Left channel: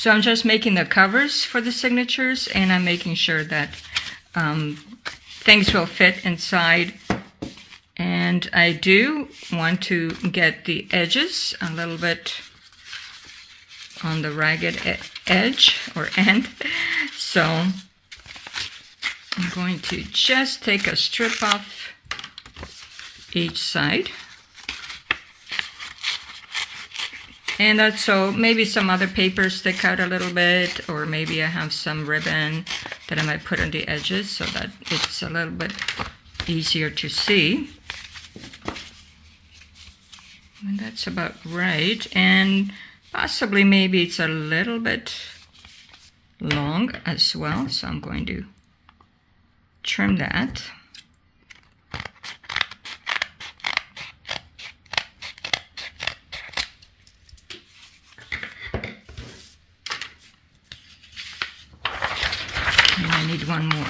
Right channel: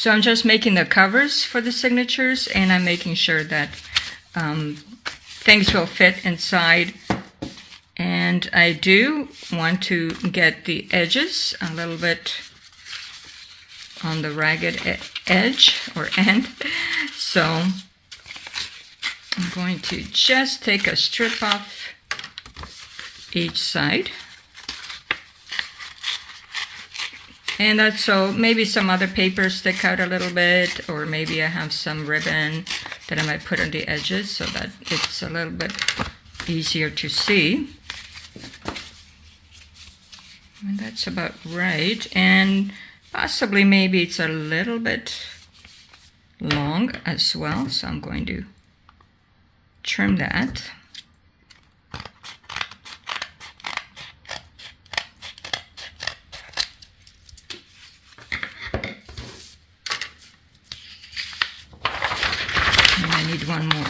So I'm just making the covers for the signatures, and I'm making sure that things will fit inside. And I do want to get the edges a little bit on the ragged edge or end. So I'm going to just take a strip off each side. And that's so maybe some other papers stick out a little bit, or maybe I have some ribbon that I might put on the edges so that it's a little bit easier to see. And that's about right. And possibly maybe it's a little bit long as well, so I'm going to trim that. And I need one more.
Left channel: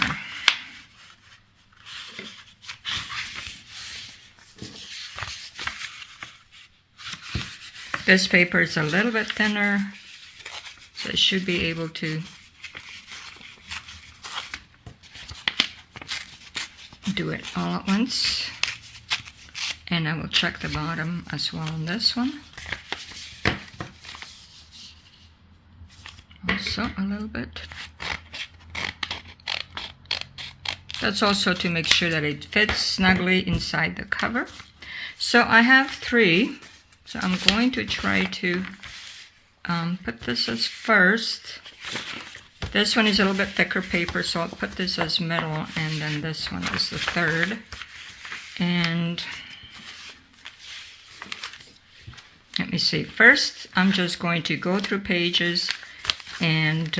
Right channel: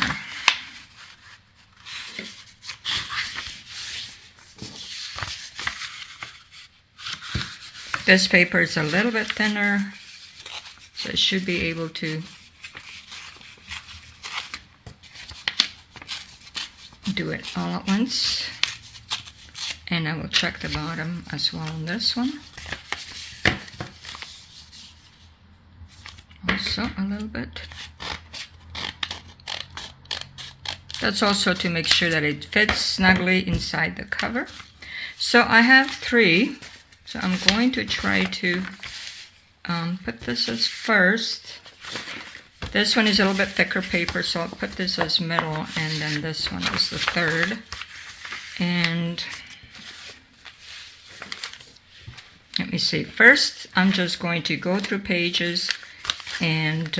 This paper is a little bit thinner, so I should be able to do it all at once. And I will check the bottom as well on this one. Also a little bit. That's also to make sure that it fits snugly inside the cover. So I have 3. So I'm going to try to put this as first. This one is a little bit thicker paper, so I'll put this as middle, and then this one is the third. And let me see. First, I'm just going to go through pages and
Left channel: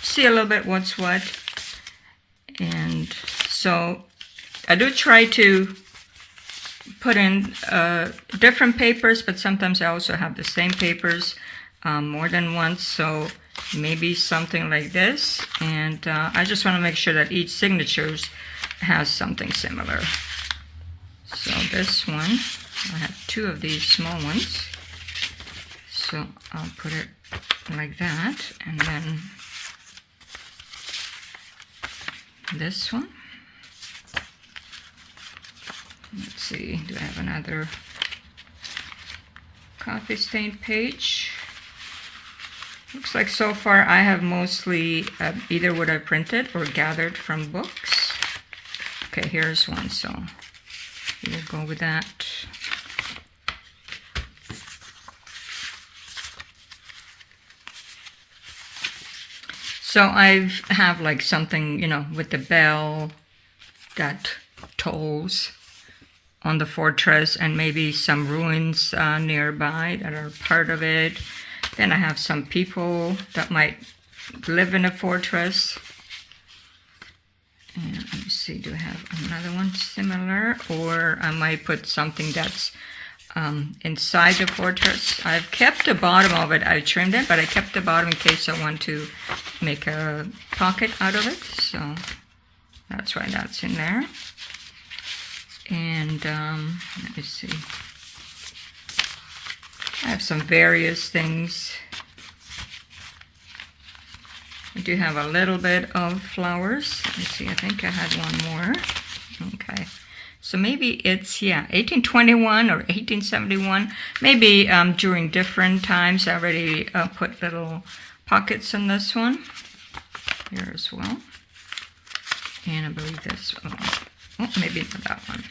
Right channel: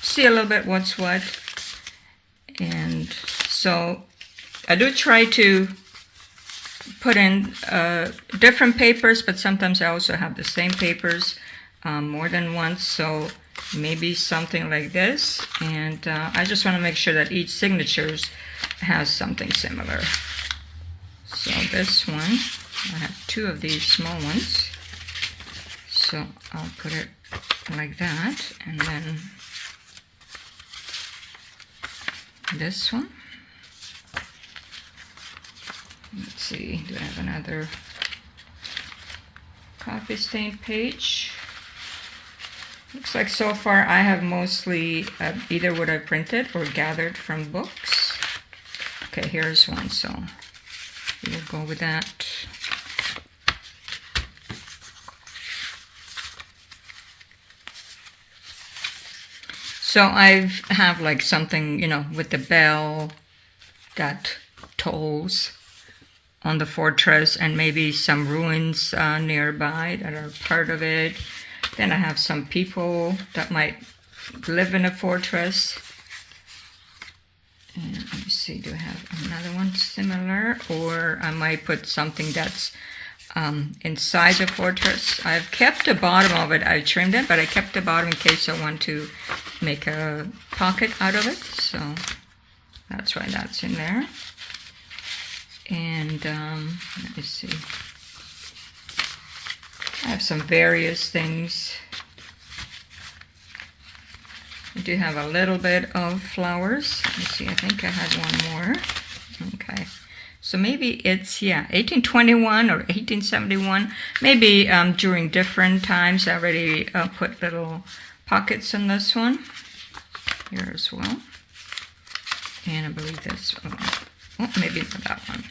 see a little bit what's what. And so I do try to put in different papers, but sometimes I also have the same papers more than once, so maybe something like this. And I just want to make sure that each signature has something similar. So this one, I have 2 of these small ones, so I'll put it like that. And then this one. Let's see, do I have another coffee stained page? Looks like so far I have mostly either what I printed or gathered from books. Okay, here's one, so we'll go with that. So I have like something, you know, with the bell that tolls on the fortress, and maybe some ruins nearby that are part of it. Then I have some people that might live in a fortress. And let me see, do I have another one similar? Or I might put something that's inside the fortress. I've kept the bottom of it, I trimmed it, but I kept the bottom in case I want to make a pocket out of it. So that's why that's in there. And let me see. I have some various things. I do have a little bit of flowers. Let's see, I think I had one more. Okay. So maybe it's, yeah, 1821 or 1871. Maybe during different times. I already put little pockets in this one. Here as well. And I believe this one. Oh, maybe not that one.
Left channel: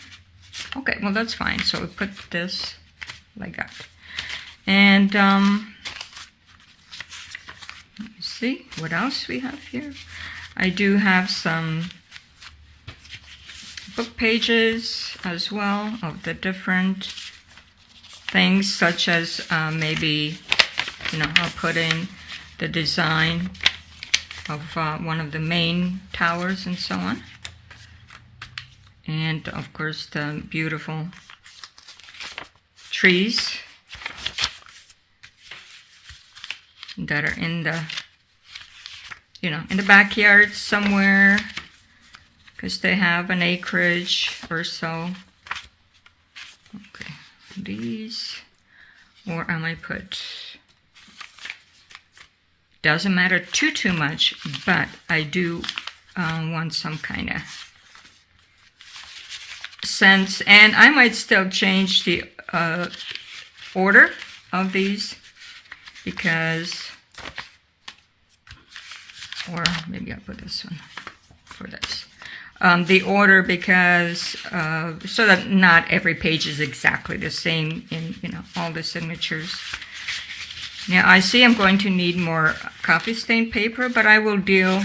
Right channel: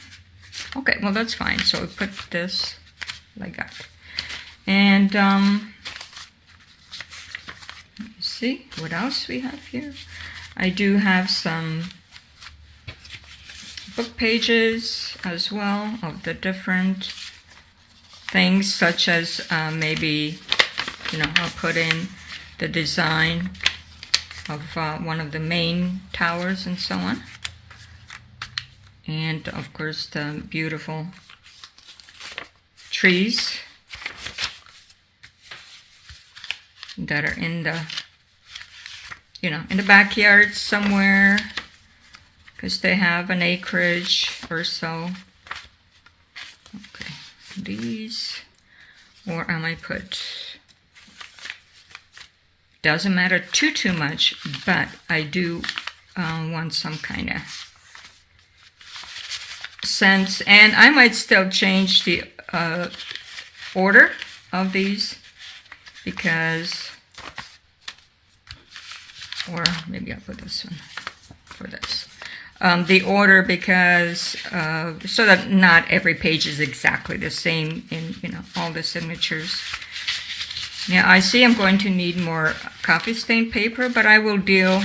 Okay, well that's fine. So we put this like that. And let's see what else we have here. I do have some book pages as well of the different things, such as maybe, you know, I'll put in the design of one of the main towers and so on. And of course the beautiful trees that are in the, you know, in the backyard somewhere, because they have an acreage or so. Okay, these, or I might put Doesn't matter too much, but I do want some kind of sense. And I might still change the order of these because, or maybe I'll put this one for this. The order because so that not every page is exactly the same in all the signatures. Now I see I'm going to need more coffee stain paper, but I will deal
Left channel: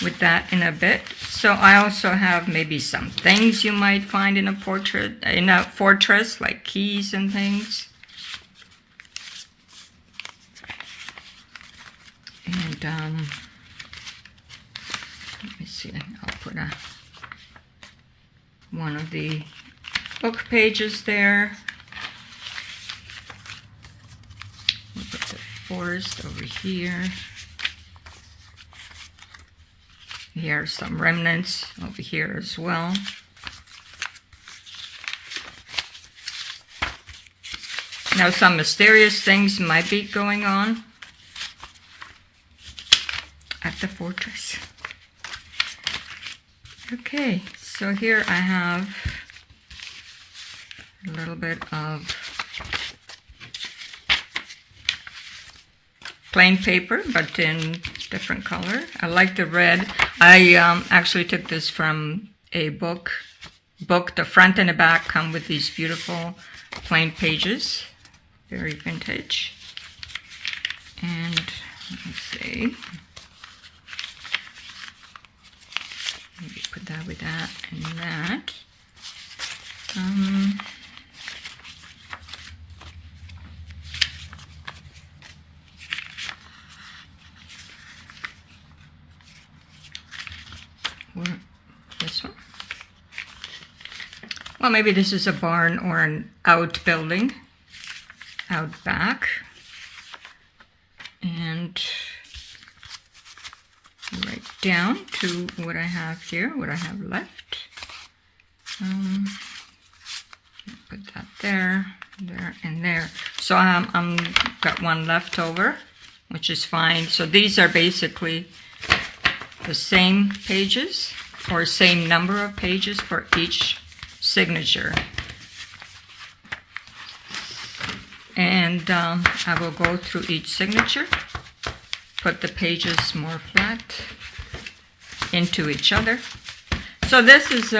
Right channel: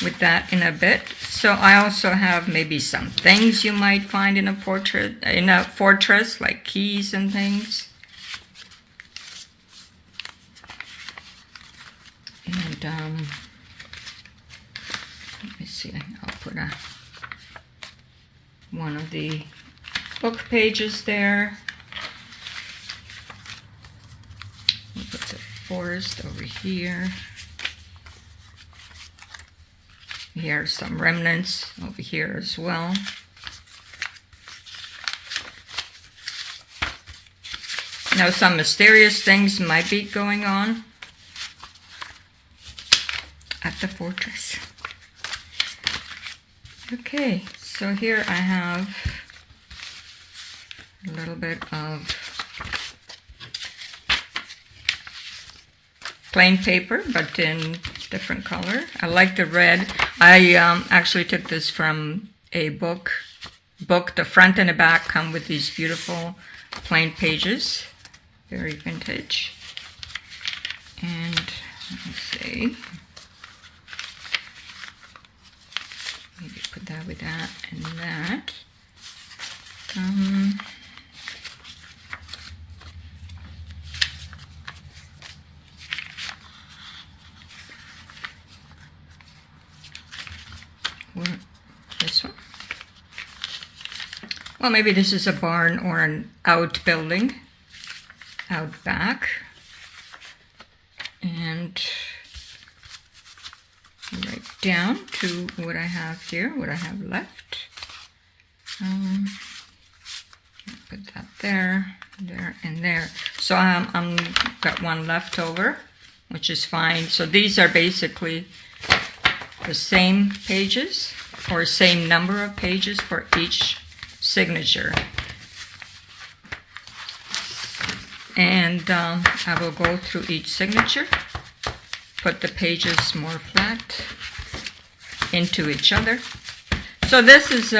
with that in a bit. So I also have maybe some things you might find in a portrait, in a fortress, like keys and things. And let me see, I'll put one of the book pages there. We'll put the forest over here. Here are some remnants over here as well. Now some mysterious things might be going on at the fortress. Okay, so here I have a little bit of plain paper, but in different color. I like the red. I actually took this from a book. The front and the back come with these beautiful plain pages. Very vintage. And let's see. Maybe put that with that and that. Or this one. Well, maybe this is a barn or an outbuilding out back. And right down to what I have here, what I have left. Put that there, there, and there. So I'm got one left over, which is fine. So these are basically the same pages or same number of pages for each signature. And I will go through each signature, put the pages more flat into each other. So this is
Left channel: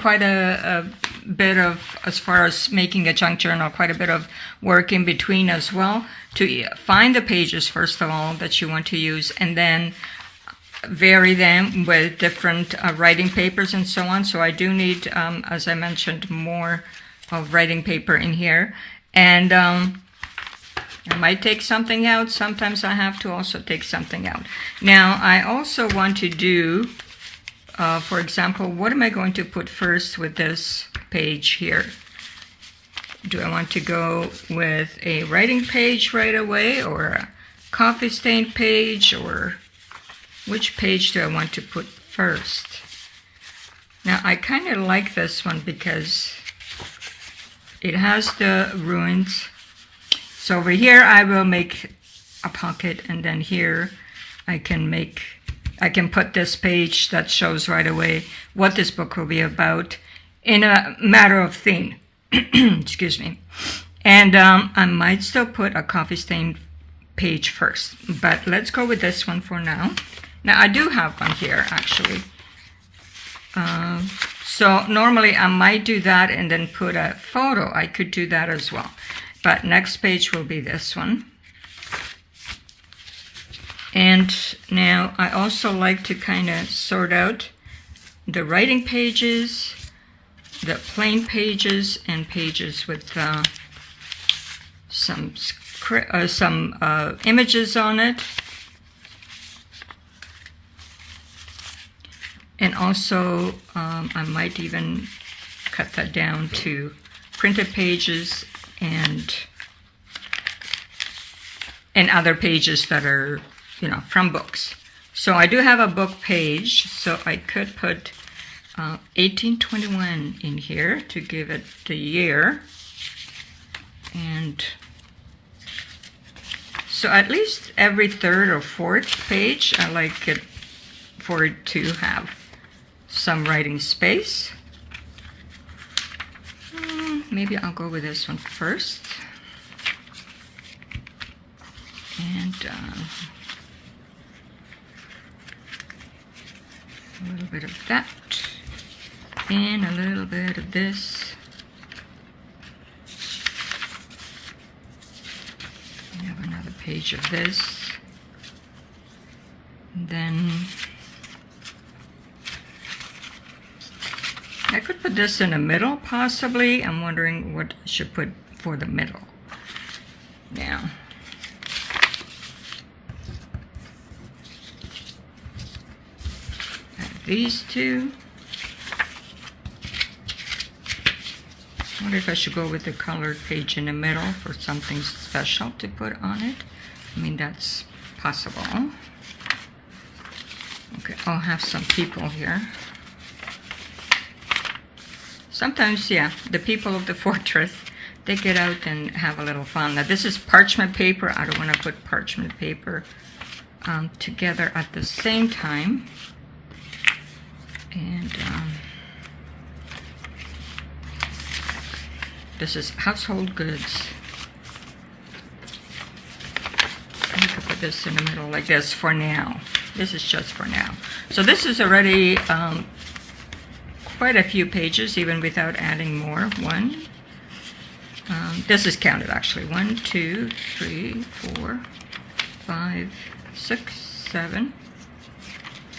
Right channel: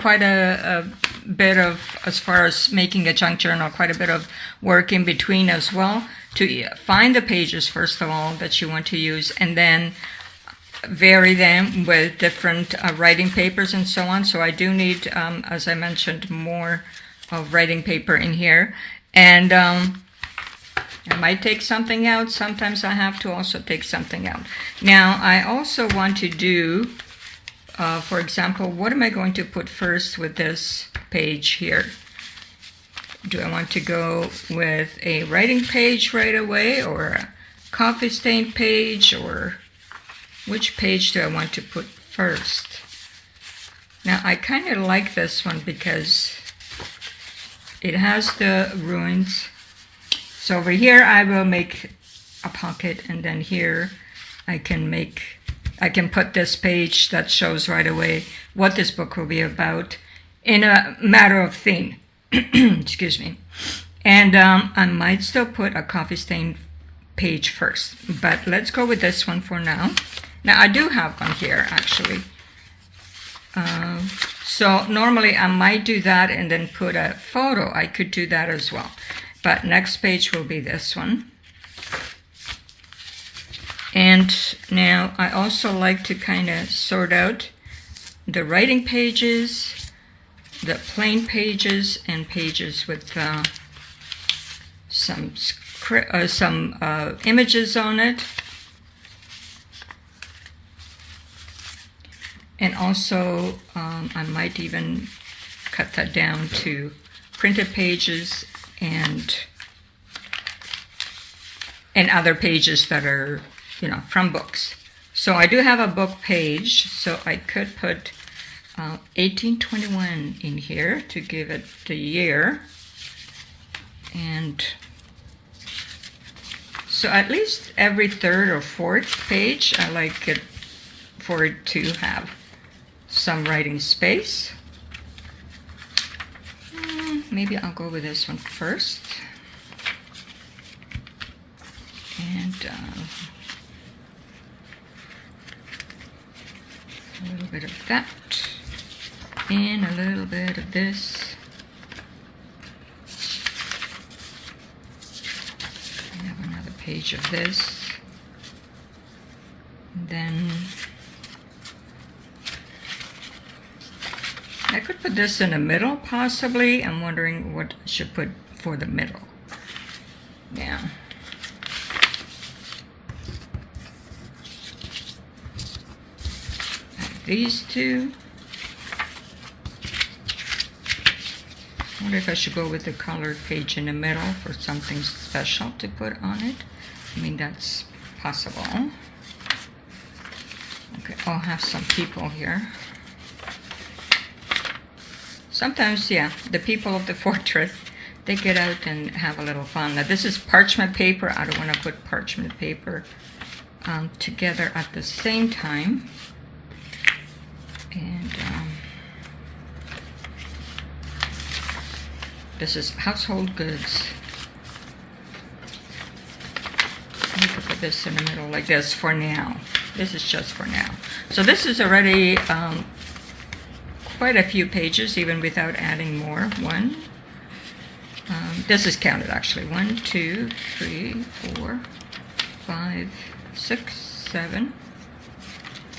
quite a bit of, as far as making a junk journal, quite a bit of work in between as well, to find the pages first of all that you want to use, and then vary them with different writing papers and so on. So I do need, as I mentioned, more of writing paper in here. And I might take something out. Sometimes I have to also take something out. Now, I also want to do, for example, what am I going to put first with this page here? Do I want to go with a writing page right away, or a coffee stain page, or which page do I want to put first? Now, I kind of like this one because it has the ruins. So over here I will make a pocket, and then here I can put this page that shows right away what this book will be about in a matter of theme. Excuse me. And I might still put a coffee stain page first, but let's go with this one for now. Now I do have one here actually. So normally I might do that and then put a photo. I could do that as well. But next page will be this one. And now I also like to kind of sort out the writing pages, the plain pages, and pages with some images on it. And also I might even cut that down to printed pages and other pages that are, from books. So I do have a book page, so I could put 1821 in here to give it the year. And So at least every third or fourth page, I like it for it to have some writing space. Maybe I'll go with this one first. And a little bit of that. And a little bit of this. I have another page of this. And then I could put this in the middle, possibly. I'm wondering what I should put for the middle. Now, I have these two. I wonder if I should go with the colored page in the middle for something special to put on it. I mean, that's possible. Okay, I'll have some people here. Sometimes, yeah, the people of the fortress, they get out and have a little fun. Now, this is parchment paper. I don't want to put parchment paper together at the same time. And this is household goods. I could put this in the middle like this for now. This is just for now. So this is already quite a few pages, even without adding more. This is counted actually. 1, 2, 3, 4, 5, 6, 7,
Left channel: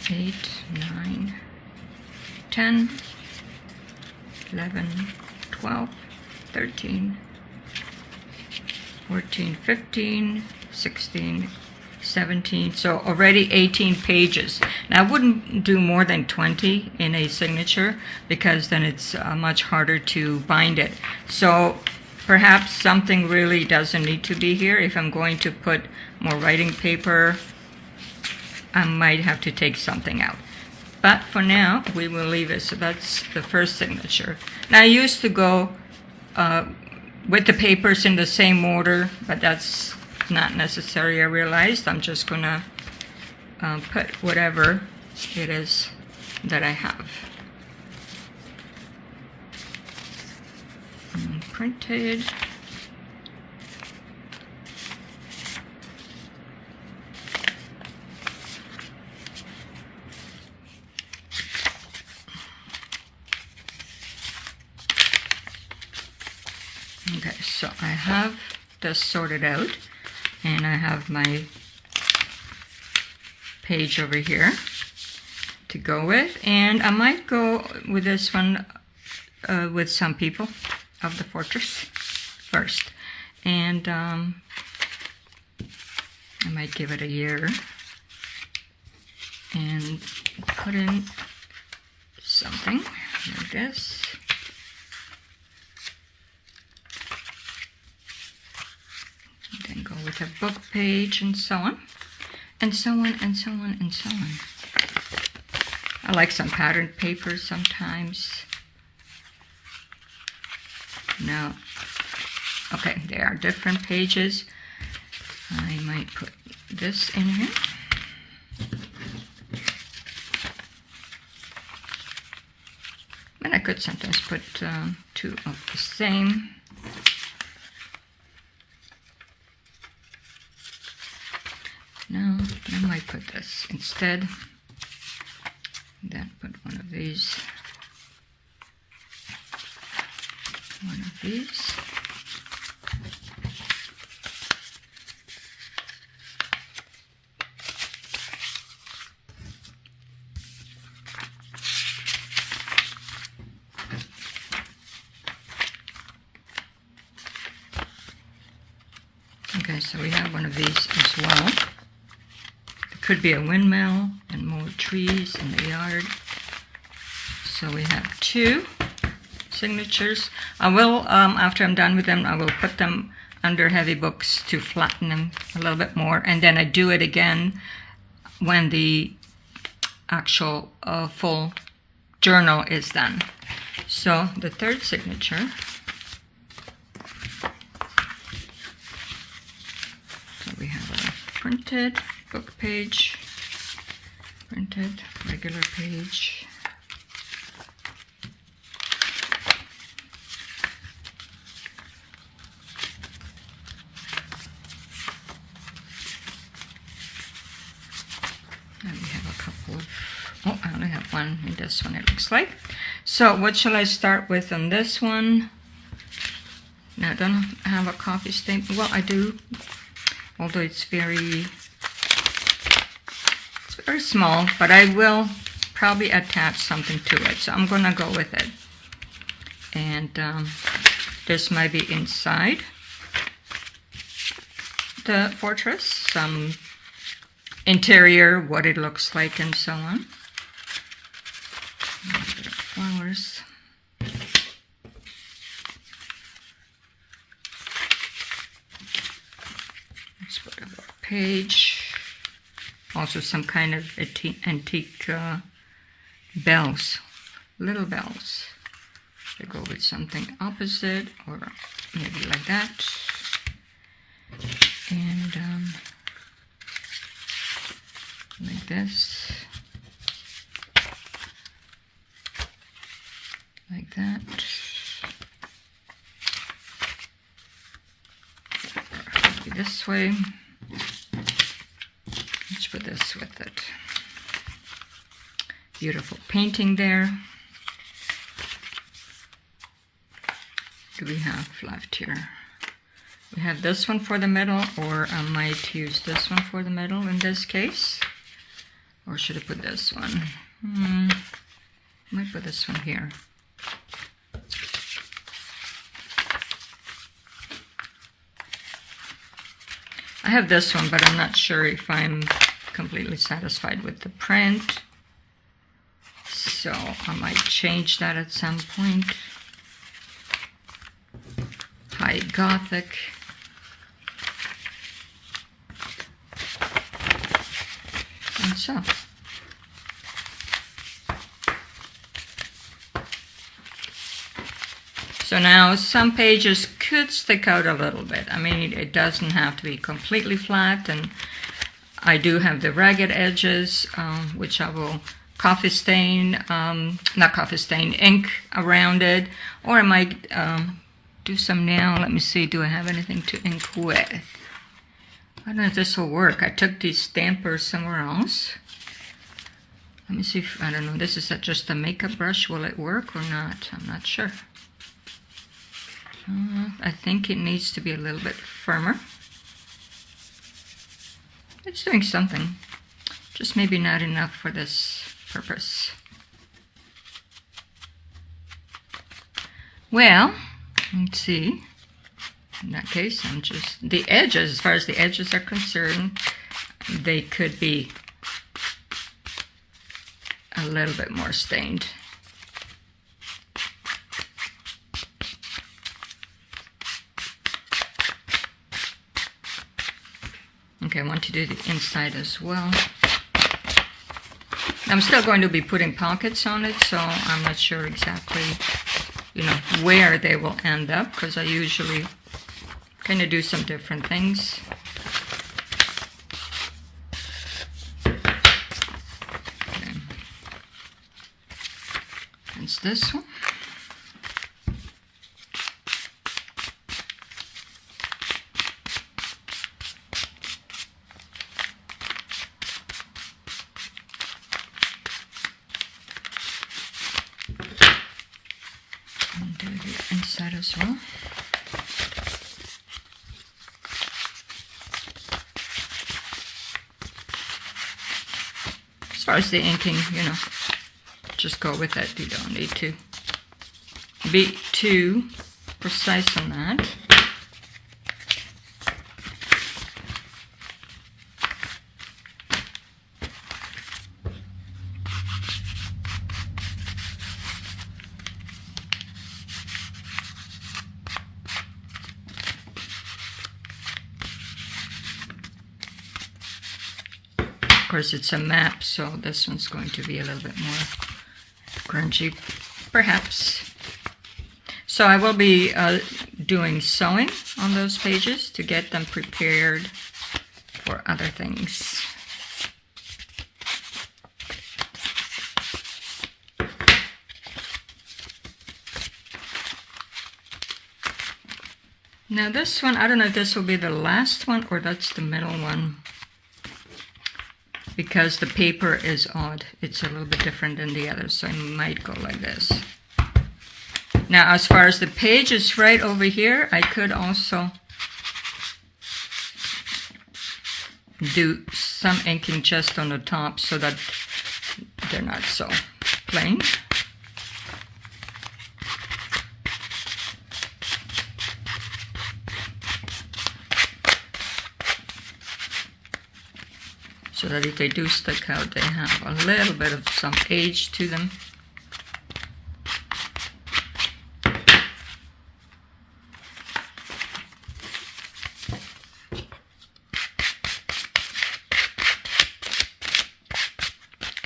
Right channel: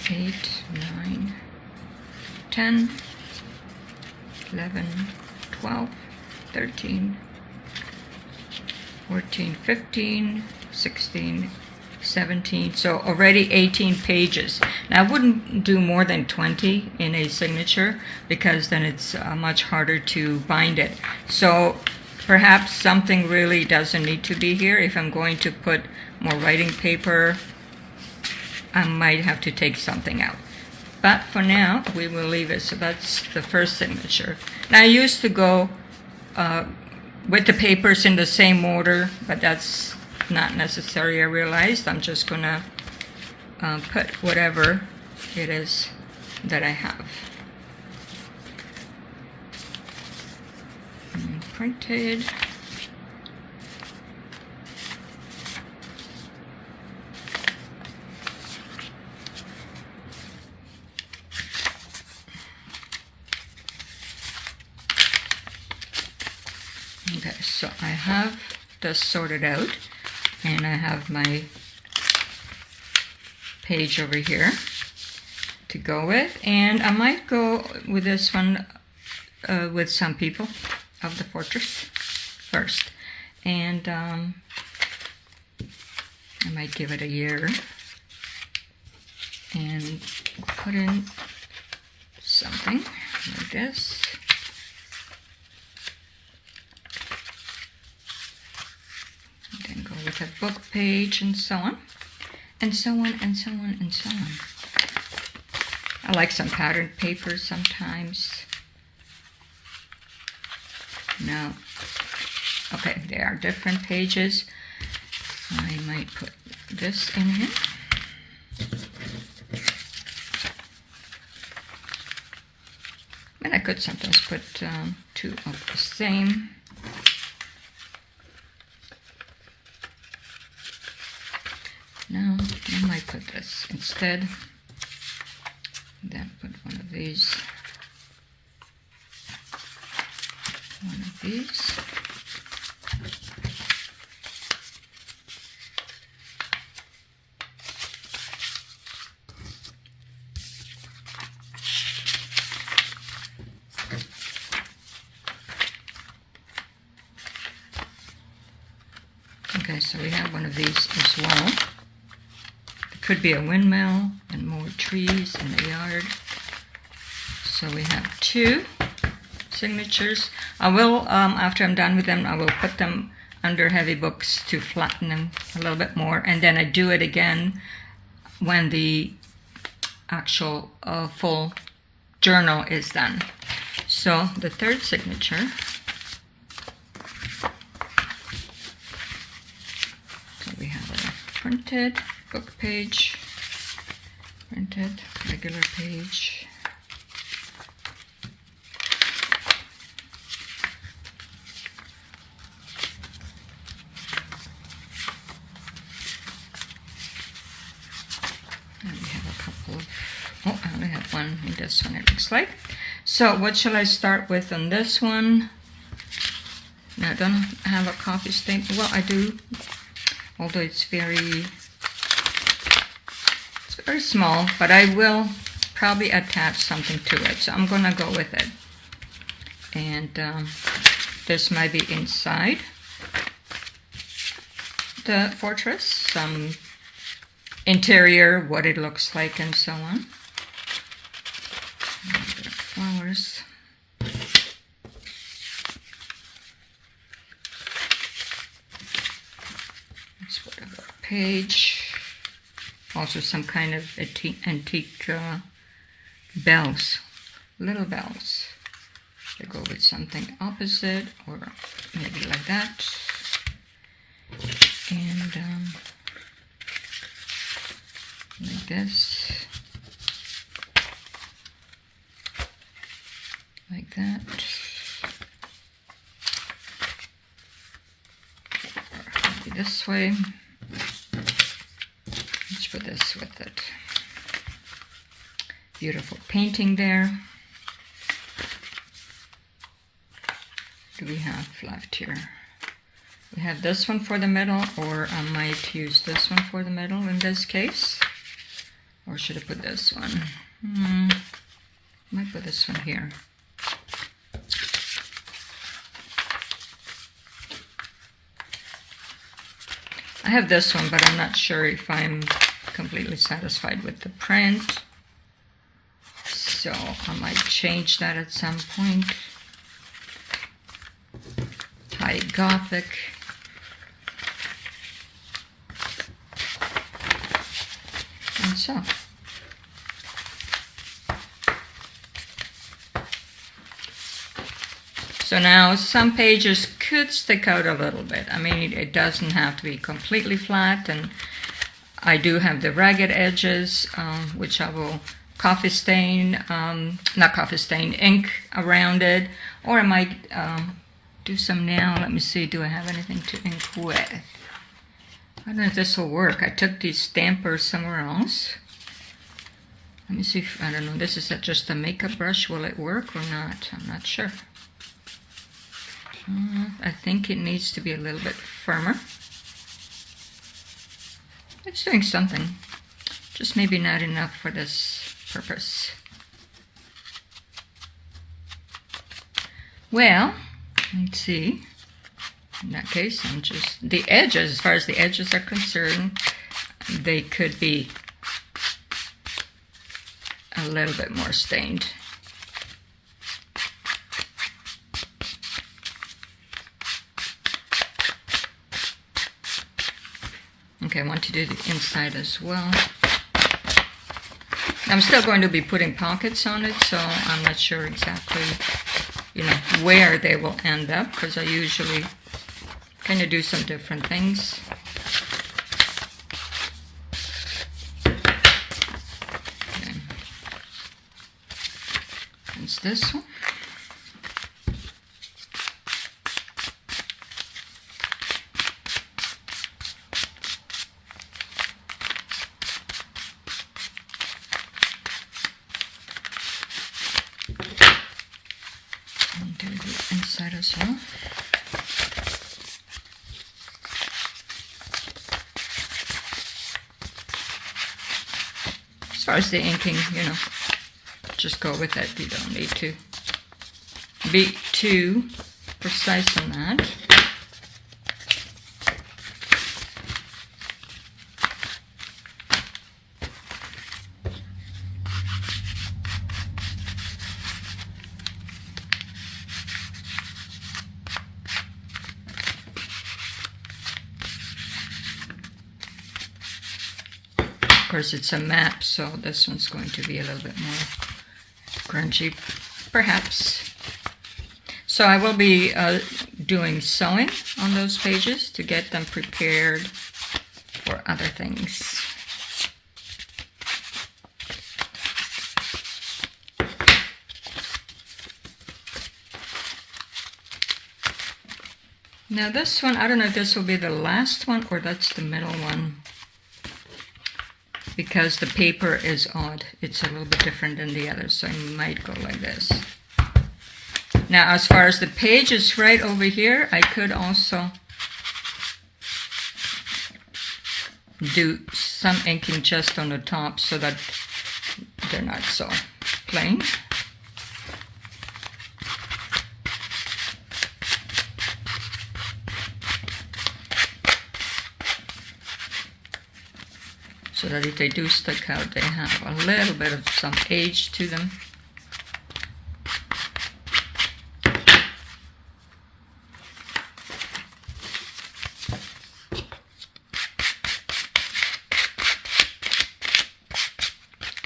8, 9, 10, 11, 12, 13, 14, 15, 16, 17, so already 18 pages. Now, I wouldn't do more than 20 in a signature because then it's much harder to bind it. So perhaps something really doesn't need to be here. If I'm going to put more writing paper, I might have to take something out. But for now, we will leave it. So that's the first signature. Now, I used to go with the papers in the same order, but that's not necessary, I realized. I'm just gonna put whatever it is that I have. And printed. Okay, so I have this sorted out. And I have my page over here to go with. And I might go with this one with some people of the fortress first. And I might give it a year and put in something like this. Then go with a book page and so on, and so on, and so on, and so on. I like some patterned paper sometimes. Now, okay, there are different pages. I might put this in here. And I could sometimes put two of the same. No, I might put this instead. Then put one of these. One of these. Okay, so we have one of these as well. Could be a windmill and more trees in the yard. So we have two signatures. I will, after I'm done with them, I will put them under heavy books to flatten them a little bit more. And then I do it again when the actual full journal is done. So the third signature. So we have a printed book page, printed regular page. And we have a couple of, oh, I only have one in this one, it looks like. So what shall I start with on this one? Now I don't have a coffee stain. Well, I do, although it's very small, but I will probably attach something to it. So I'm gonna go with it. And this might be inside the fortress, some interior, what it looks like, and so on. A little bit of flowers. Let's put a page. Also some kind of antique bells, little bells. They go with something opposite, or maybe like that. And like this, like that, maybe this way. Let's put this with it. Beautiful painting there. Do we have left here? We have this one for the middle, or I might use this one for the middle in this case. Or should I put this one? I might put this one here. I have this one, but I'm not sure if I'm completely satisfied with the print. So I might change that at some point. High Gothic. And so. So now some pages could stick out a little bit. I mean, it doesn't have to be completely flat, and I do have the ragged edges, which I will coffee stain, not coffee stain, ink around it, or I might do some nail. Let me see, do I have anything to ink with? I don't know if this will work. I took these stampers somewhere else. Let me see if, I don't know, this is just a makeup brush. Will it work or not? I'm not sure. I think it needs to be a little bit firmer. It's doing something, just maybe not enough for this purpose. Well, let's see. In that case, I'm just, the edges, as far as the edges are concerned, they could be a little bit more stained. Okay, I want to do the inside as well. I'm still going to be putting pockets on it, so I'm not sure exactly, you know, where they will end up, because I usually kind of do some different things. Okay. It's this one. And do the inside as well. As far as the inking, you know, just go with it. You don't need to be too precise on that. Of course, it's a map, so this one's going to be a little bit more grungy, perhaps. So I will be doing sewing on those pages to get them prepared for other things. Now this one, I don't know if this will be the last one or that's the middle one, because the paper is odd. It's a little bit different than the others, so I might go like this. Now as far as the page is right over here, I could also do some inking just on the top so that they're not so plain. So that if they do stick out, they have a little bit of some age to them.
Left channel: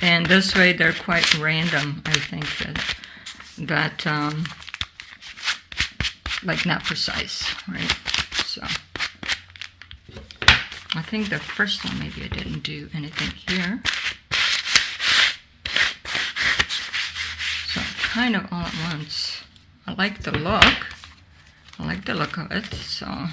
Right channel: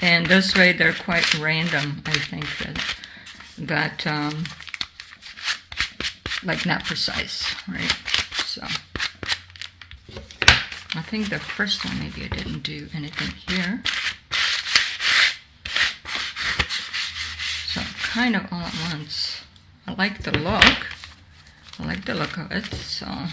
And this way they're quite random, I think, that like not precise, right? So I think the first one, maybe I didn't do anything here. So kind of all at once. I like the look. I like the look of it, so.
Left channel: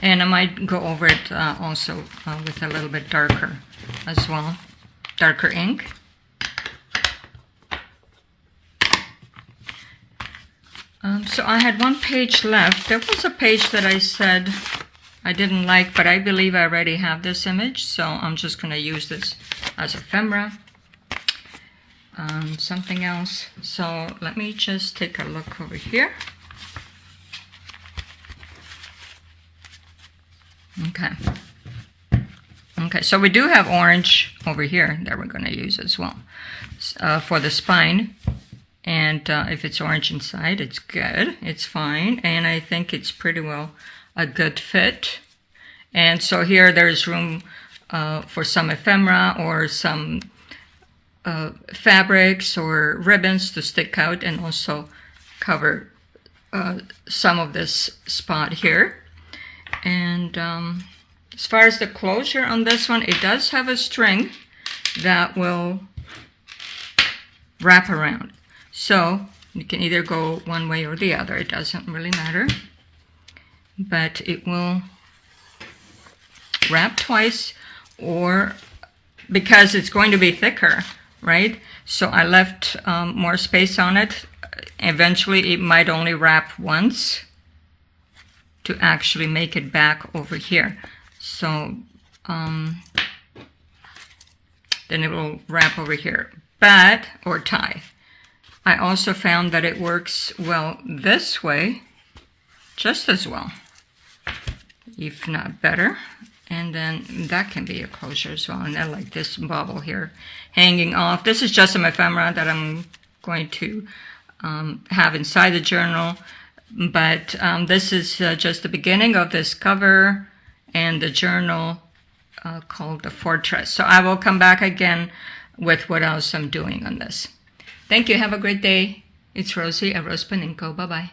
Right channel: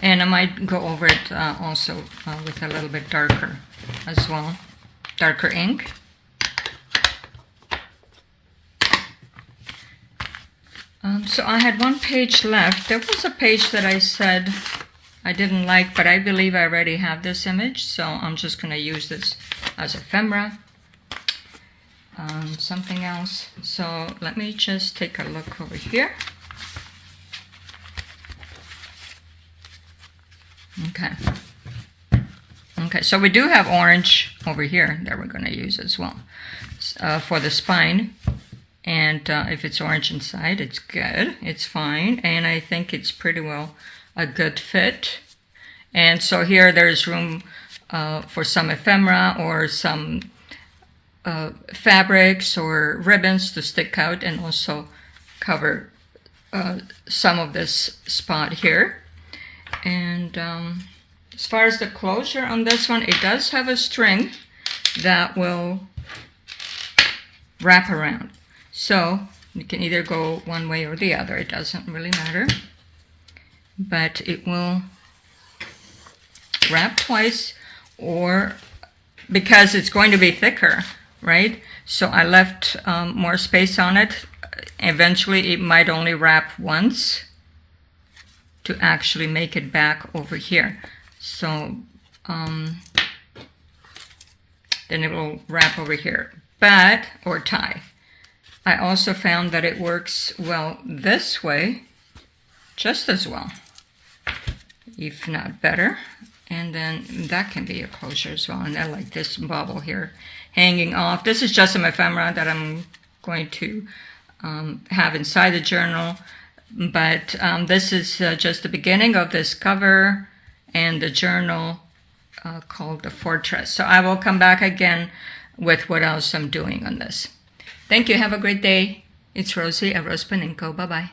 And I might go over it also with a little bit darker as well. Darker ink. So I had one page left. There was a page that I said I didn't like, but I believe I already have this image, so I'm just going to use this as ephemera. Something else. So let me just take a look over here. Okay. Okay, so we do have orange over here that we're going to use as well for the spine. And if it's orange inside, it's good. It's fine. And I think it's pretty well a good fit. And so here there's room for some ephemera or some fabrics or ribbons to stick out and also cover some of this spot here. And as far as the closure on this one, it does have a string that will wrap around. So you can either go one way or the other. It doesn't really matter. But it will wrap twice, or because it's going to be thicker, right? So I left more space on it. Eventually it might only wrap once to actually make it back over here. So then it will wrap over here, but, or tie. I also found that it works well this way, just as well, if not better. And then that can be a closure as well. And I like this bubble here hanging off. This is just some ephemera that I'm going to have inside the journal. But this is just the beginning of this cover and the journal called The Fortress. So I will come back again with what else I'm doing on this. Thank you. Have a great day. It's Rosie at RoseByNameCo. Bye-bye.